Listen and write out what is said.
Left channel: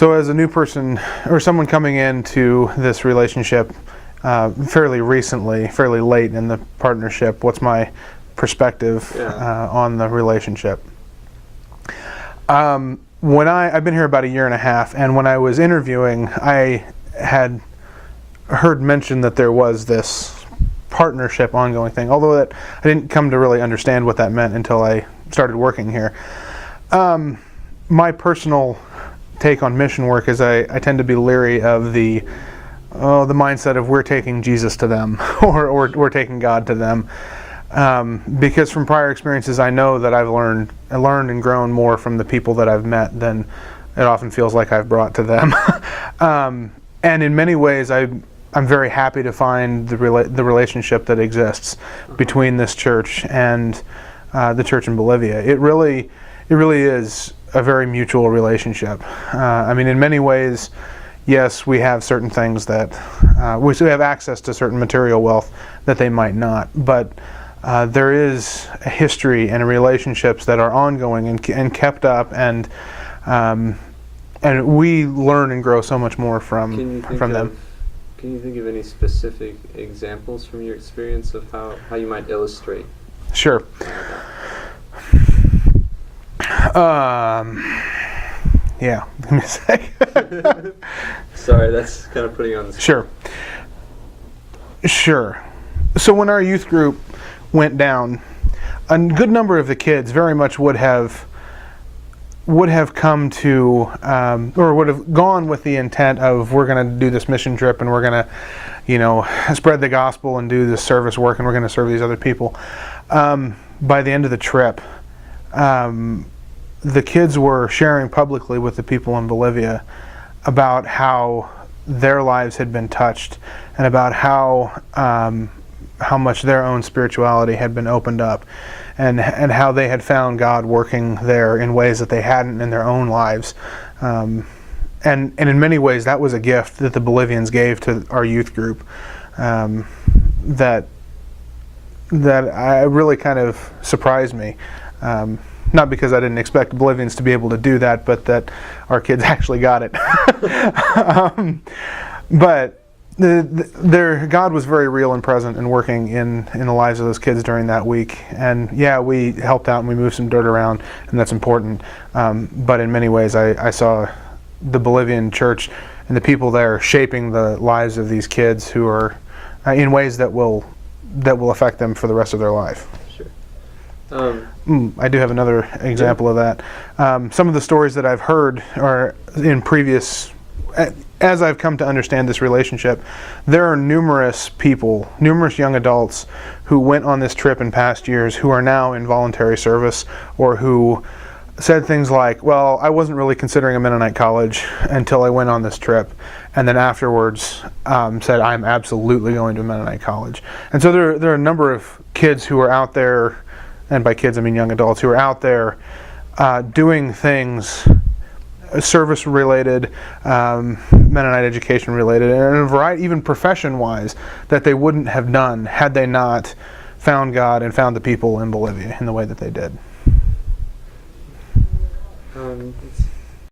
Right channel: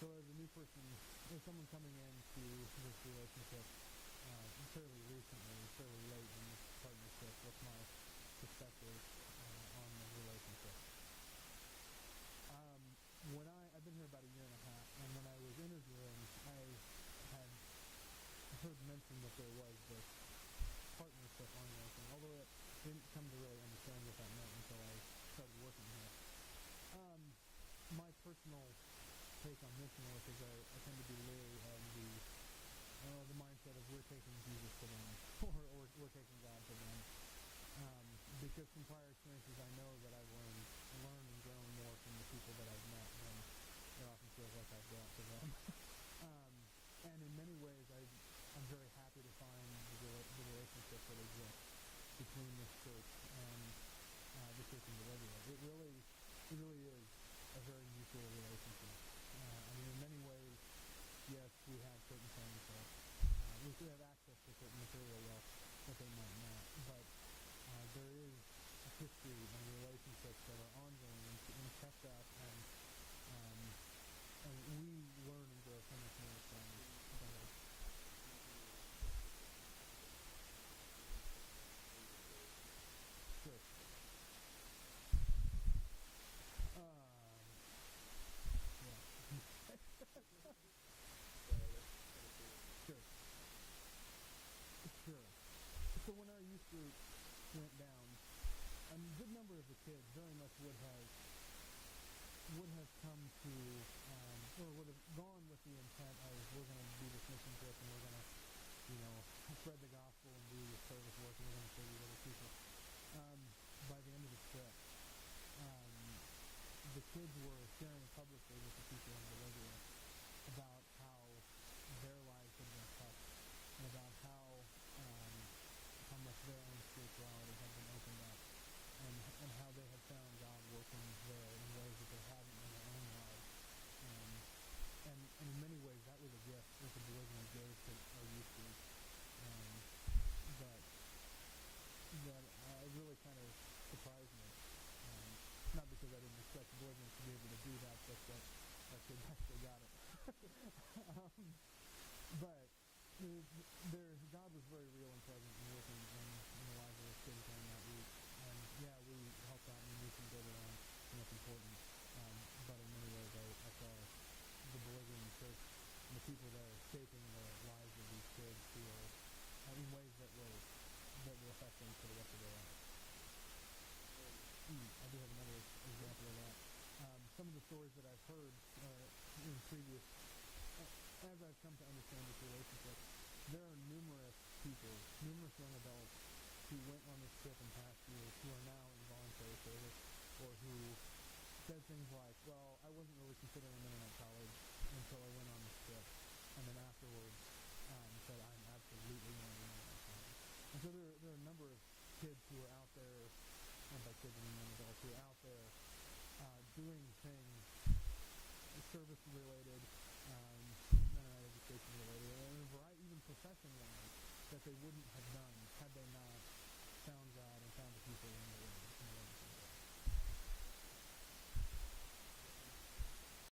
So as a new person or someone coming into this relationship fairly recently, fairly late in the partnership, what's my perspective on the relationship? I've been here about 1.5 years, and when I was interviewing, I had heard mention that there was this partnership ongoing thing, although that I didn't come to really understand what that meant until I started working here. My personal take on mission work is I tend to be leery of the mindset of we're taking Jesus to them or we're taking God to them, because from prior experiences I know that I've learned and grown more from the people that I've met than it often feels like I've brought to them. And in many ways I'm very happy to find the relationship that exists between this church and the church in Bolivia. It really is a very mutual relationship. I mean, in many ways, yes, we have certain things that we have access to certain material wealth that they might not, but there is a history and relationships that are ongoing and kept up, and we learn and grow so much more from them. Can you think of any specific examples from your experience of how you might illustrate? Sure. Yeah, give me a sec. Sorry, that's kind of putting you on the spot. Sure. So when our youth group went down, a good number of the kids very much would have come to, or would have gone with the intent of, we're going to do this mission trip and we're going to, spread the gospel and do this service work and we're going to serve these other people. By the end of the trip, the kids were sharing publicly with the people in Bolivia about how their lives had been touched and about how much their own spirituality had been opened up, and how they had found God working there in ways that they hadn't in their own lives. And in many ways that was a gift that the Bolivians gave to our youth group, that I really kind of surprised me. Not because I didn't expect Bolivians to be able to do that, but that our kids actually got it. But God was very real and present and working in the lives of those kids during that week. And yeah, we helped out and we moved some dirt around, and that's important. But in many ways, I saw the Bolivian church and the people there shaping the lives of these kids who are in ways that will affect them for the rest of their life. I do have another example of that. Some of the stories that I've heard are in previous, as I've come to understand this relationship, there are numerous young adults who went on this trip in past years who are now in voluntary service, or who said things like, well, I wasn't really considering a Mennonite college until I went on this trip, and then afterwards said, I'm absolutely going to a Mennonite college. And so there are a number of kids who are out there, and by kids I mean young adults, who are out there doing things service related, Mennonite education related, and a variety, even profession wise, that they wouldn't have done had they not found God and found the people in Bolivia in the way that they did.